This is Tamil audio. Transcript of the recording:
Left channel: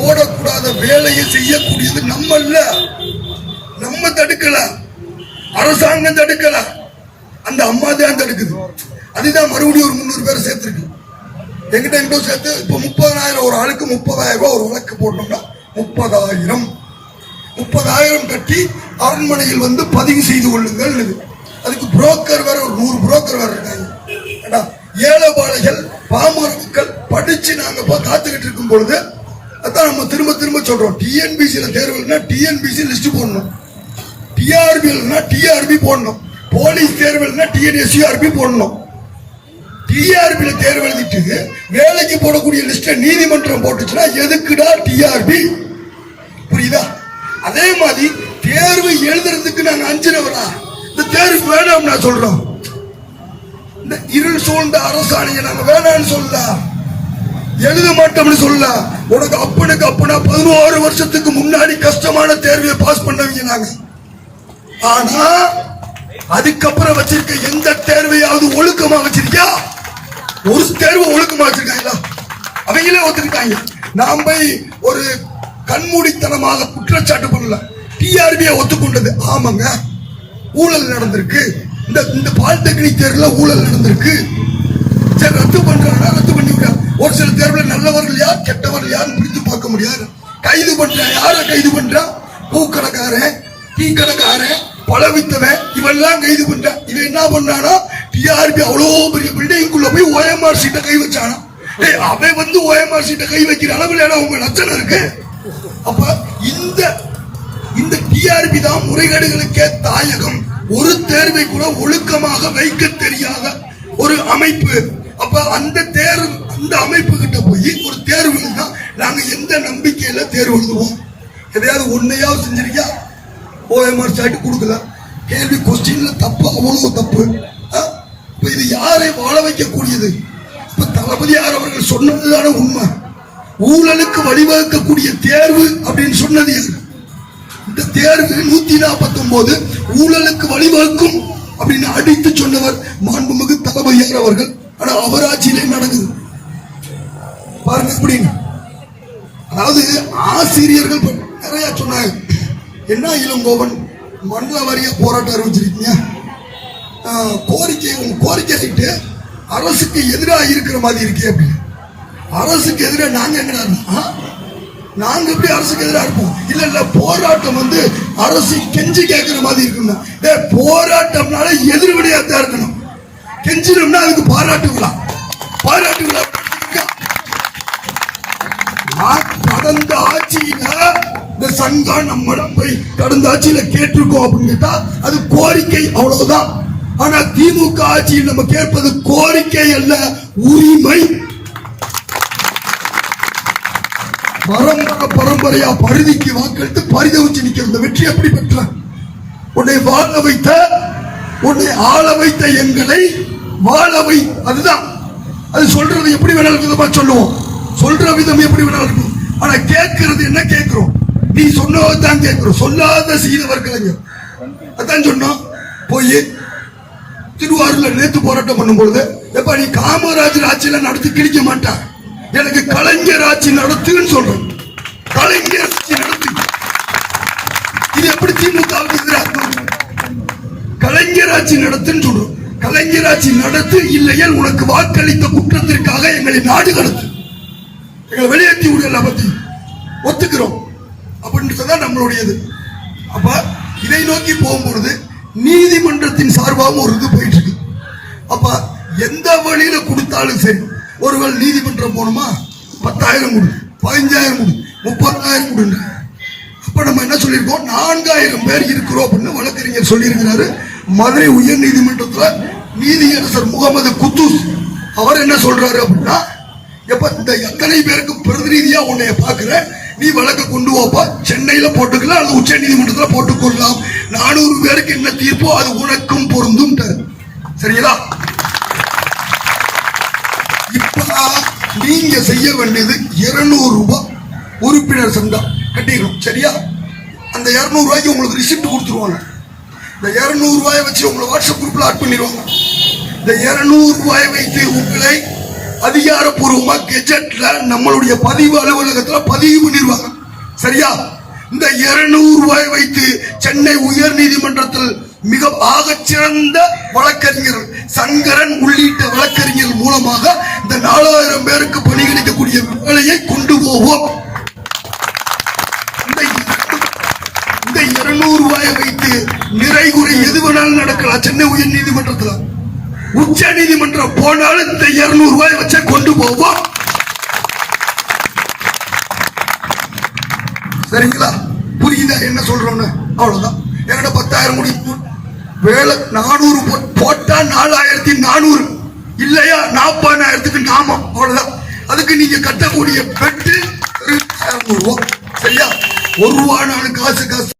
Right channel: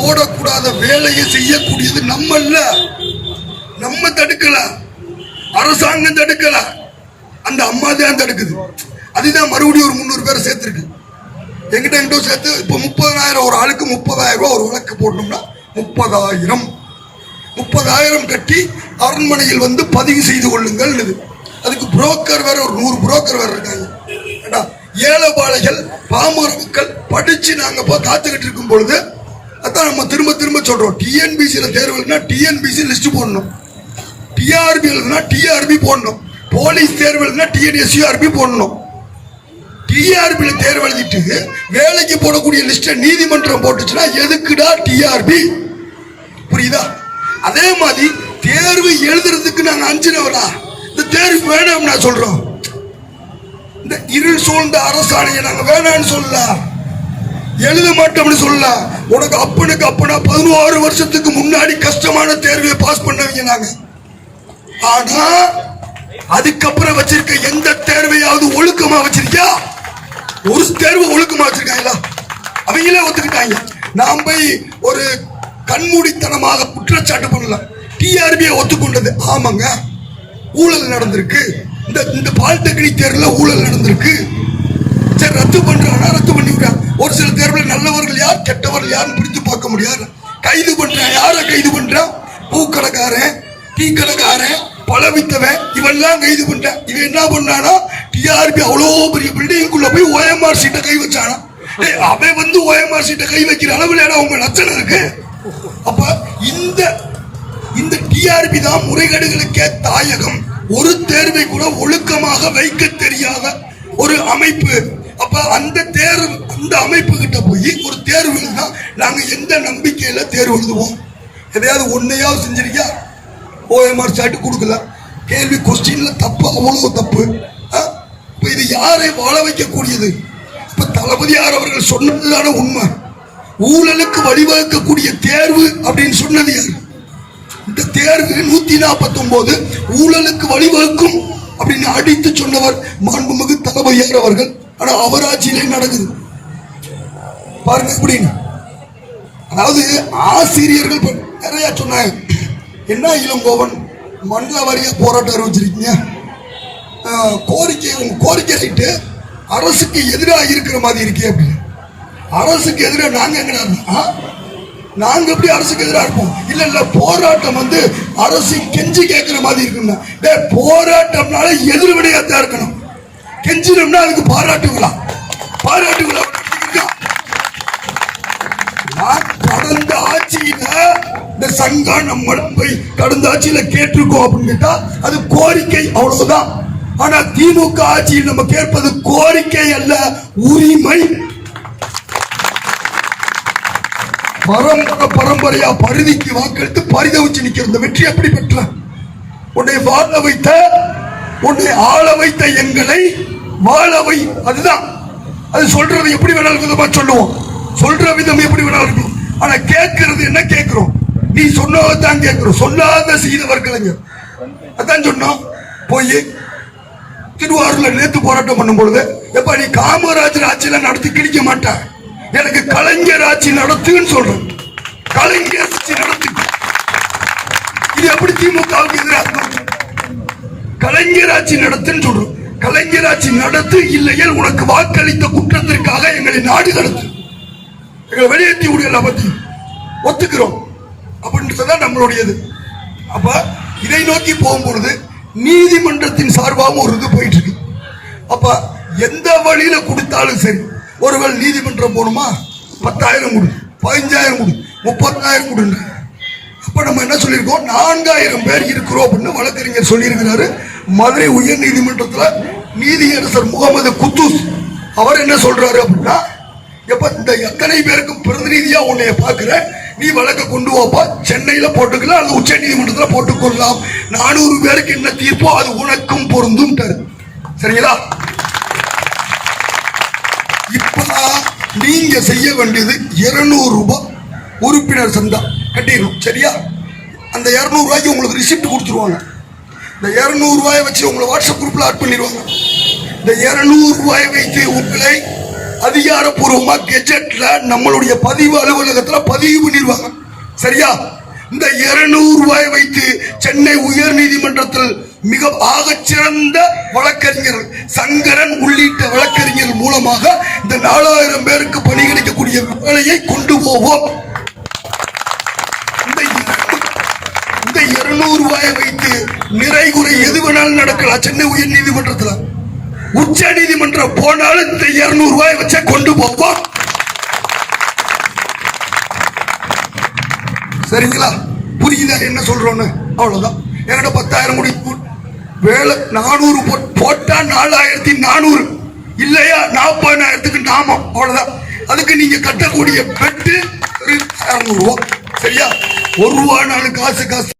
போடக்கூடாத வேலையை செய்யக்கூடியது நம்ம தடுக்கல, அரசாங்கம் தடுக்கல, அந்த அம்மா தான் தடுக்குது. அதுதான் மறுபடியும் ஒரு 300 பேரை சேர்த்திருக்கு. எங்கிட்ட சேர்த்து இப்ப 30,000 ஒரு ஆளுக்கு 30,000 ரூபாய் ஒரு வழக்கு போட்டோம்னா 30,000 கட்டி அரண்மனையில் வந்து பதிவு செய்து கொள்ளுங்கள். அதுக்கு புரோக்கர் வேற ஒரு 100 புரோக்கர் வேற இருக்காங்க. ஏழைபாளைகள் பாமர மக்கள் படிச்சு நாங்க காத்துக்கிட்டு இருக்கும் பொழுது அதான் நம்ம திரும்ப திரும்ப சொல்றோம். டிஎன்பிசியில தேர்வுனா டிஎன்பிசி லிஸ்ட் போடணும், டிஆர்பி டிஆர்பி போடணும், போலீஸ் தேர்வுனா டிஎன்எஸ்யூஆர்பி போடணும். டிஆர்பி தேர்வு எழுதிட்டு வேலைக்கு போடக்கூடிய லிஸ்ட நீதிமன்றம் போட்டுச்சுன்னா எதுக்குடா டிஆர்பி? புரியுதா? அதே மாதிரி தேர்வு எழுதுறதுக்கு நாங்க அஞ்சினவரா இந்த தேர்வு வேணாம் நான் சொல்றோம். இந்த இருள் சூழ்ந்த அரசாணையை நாங்க வேணாம்னு சொல்லலாம், எழுத மாட்டோம்னு சொல்லலாம். உனக்கு அப்பனுக்கு அப்பனா 16 வருஷத்துக்கு முன்னாடி கஷ்டமான தேர்வை பாஸ் பண்ணவங்க நாங்க. ஆனா அதுக்கப்புறம் வச்சிருக்க எந்த தேர்வையாவது ஒழுக்கமா வச்சிருக்கியா? ஒரு தேர்வு ஒழுக்கமா வச்சிருக்காங்களா? அவங்களே ஒத்துக்கிட்டாங்க. நாம் போய் ஒரு கண்மூடித்தனமாக குற்றச்சாட்டு பண்ணல. டிஆர்பியை ஒத்துக்கொண்டது. ஆமாங்க, ஊழல் நடந்திருக்கு, இந்த பாலிடெக்னிக் தேர்வுல ஊழல் நடந்திருக்கு. சரி, ரத்து பண்றாங்க, ரத்து பண்ணி விடுறாங்க. ஒரு சில தேர்வுல நல்லவர்கள் யார் கெட்டவர்கள் யார் பிடித்து பார்க்க முடியாது. கைது பண்றான், யார கைது பண்றான்? பூக்கடைக்காரன், டீ கடைக்காரன், பழவித்தவன், இவெல்லாம் கைது பண்றான். இவன் என்ன பண்றானா, டிஆர்பி அவ்வளோ பெரிய பில்டிங்குள்ள போய் ஓஎம்ஆர் சீட்டை கை வச்சானா. அவன் வந்து ஓஎம்ஆர் சீட்டை கை வைக்கிற அளவில் அவங்க லட்சணம் இருக்கு. அப்ப இந்த டிஆர்பி தான் முறைகேடுகளுக்கே தாயகம். ஒரு தேர்வை கூட ஒழுக்கமாக வைக்க தெரியாத ஒரு அமைப்பு. அப்ப அந்த அமைப்பு கிட்ட போய் ஒரு தேர்வு எழுதினா நாங்க எந்த நம்பிக்கையில தேர்வு எழுதுவோம்? எதையாவது ஒன்னையாவது செஞ்சிருக்கியா? ஓஎம்ஆர் சாட்டு கொடுக்கல, கேள்வி கொஸ்டின்ல தப்பு, அவ்வளவு தப்பு. இது யாரை வாழ வைக்கக்கூடியது? இப்ப தளபதியார் அவர்கள் சொன்னதுதான உண்மை. ஊழலுக்கு வழிவகுக்கக்கூடிய தேர்வு அப்படின்னு சொன்னது யாரு? இந்த தேர்வு 149 ஊழலுக்கு வழிவகுக்கும் அப்படின்னு அடித்து சொன்னவர் மாண்புமிகு தளபதியார் அவர்கள். ஆனா அவர் ஆட்சியிலே நடக்குது பாருங்க அப்படின்னு. அதாவது ஆசிரியர்கள் நிறைய சொன்னாங்க. என்ன இளங்கோவன் மண்டல வாரிய போராட்டம் அறிவிச்சிருக்கீங்க, கோரிக்கை ரைட்டு அரசுக்கு எதிராக இருக்கிற மாதிரி இருக்கே அப்படின்னு. அரசுக்கு எதிராக நாங்க எங்க நாங்க எப்படி அரசுக்கு எதிராக இருப்போம்? இல்ல போராட்டம் வந்து அரசு கெஞ்சி கேட்கிற மாதிரி இருக்குன்னா போராட்டம்னால எதிர்வினையாத்தான் இருக்கணும். கெஞ்சினோம்னா அதுக்கு பாராட்டுங்களா? கடந்த ஆட்சியில இந்த சங்கம் நம்மிடம் போய் கடந்த ஆட்சியில கேட்டிருக்கோம் அப்படின்னு கேட்டா அது கோரிக்கை, அவ்வளவுதான். ஆனா திமுக ஆட்சியில் நம்ம கேட்பது கோரிக்கை அல்ல, உரிமை. பரம்பரையா பருதிக்கு வாக்களித்து பரிதவிச்சு நிக்கிற இந்த வெற்றி எப்படி பெற்ற? உன்னை வாழ வைத்த, உன்னை ஆள வைத்த எங்களை வாழவை. அதுதான் அது. சொல்றது எப்படி வேணாலும் விதமா சொல்லுவோம், சொல்ற விதம் எப்படி வேணாலும் இருக்கும். ஆனா கேட்கறது என்ன கேட்கிறோம்? நீ சொன்னதான் கேட்கிறோம். சொல்லாத செய்தவர் கலைஞர் அதான் சொன்னோம். போய் திருவாரூர்ல நேத்து போராட்டம் பண்ணும் பொழுது எப்ப நீ காமராஜர் ஆட்சியில நடத்தி கிழிக்க மாட்டார், எனக்கு கலைஞர் ஆட்சி நடத்துன்னு சொல்றேன். கலைஞர் ஆட்சி நடத்து. இது எப்படி திமுகவுக்கு எதிராக? கலைஞர் ஆட்சி நடத்துன்னு சொல்றோம். கலைஞர் ஆட்சி நடத்து, இல்லையேல் உனக்கு வாக்களித்த குற்றத்திற்காக எங்களை நாடு கடத்து, எங்களை வெளியேற்றி விட பத்தி ஒத்துக்கிறோம் அப்படின்றதுதான் நம்மளுடையது. அப்ப இதை நோக்கி போகும்பொழுது நீதிமன்றத்தின் சார்பாகவும் ஒரு இது போயிட்டு இருக்கு. அப்ப எந்த வழியில கொடுத்தாலும் சரி, ஒருவேளை நீதிமன்றம் போகணுமா 10,000 கொடு, 15,000 கொடு, 30,000 கொடுங்க. அப்ப நம்ம என்ன சொல்லியிருக்கோம்? 4,000 பேர் இருக்கிறோம் அப்படின்னு வழக்கறிஞர் சொல்லியிருக்கிறாரு. மதுரை உயர் நீதிமன்றத்துல நீதியரசர் முகமது குத்தூஸ் அவர் என்ன சொல்றாரு அப்படின்னா, எப்ப இந்த எத்தனை பேருக்கு பிரதிநிதியா உன்னைய பாக்குற, நீ வழக்க கொண்டு போப்பா, சென்னையில போட்டுக்கலாம் அல்லது உச்ச நீதிமன்றத்துல போட்டுக்கொள்ளலாம். 400 பேருக்கு என்ன தீர்ப்போ அது உனக்கும் பொருந்தும். சரிங்களா? இப்ப நீங்க செய்ய வேண்டியது 200 ரூபாய் உறுப்பினர் சந்தா கட்டிடணும். சரியா? அந்த 200 ரூபாய்க்கு உங்களுக்கு ரிசிப்ட் கொடுத்துருவாங்க. இந்த 200 ரூபாயை வச்சு உங்களை வாட்ஸ்அப் குரூப்ல ஆட் பண்ணிடுவாங்க. இந்த 200 ரூபாயை வைத்து உங்களை அதிகாரப்பூர்வமா கெஜெட்ல நம்மளுடைய பதிவு அலுவலகத்துல பதிவு பண்ணிடுவாங்க. சரியா? இந்த 200 ரூபாய் வைத்து சென்னை உயர் நீதிமன்றத்தில் மிக ஆகச்சிறந்த வழக்கறிஞர் சங்கரன் உள்ளிட்ட வழக்கறிஞர் மூலமாக இந்த 4000 பேருக்கு பணி கிடைக்கக்கூடிய வேலையை கொண்டு போவோம். இந்த 200 ரூபாயை வைத்து நிறைகுறை எது வேணாலும் நடக்கலாம். சென்னை உயர் நீதிமன்றத்தில் உச்ச நீதிமன்றம் போனாலும் இந்த 200 ரூபாய் வச்ச கொண்டு போவோம். சரிங்களா? புரியுதா என்ன சொல்றோன்னு? அவ்வளவுதான். என்கிட்ட 10,000 கோடி வேலை 400 போட்டா 4400 இல்லையா 40,000க்கு நாமம். அவ்வளவுதான். அதுக்கு நீங்க கட்டக்கூடிய பெட்டு 200 ரூபாய். சரியா? 1 ரூபாய் காசு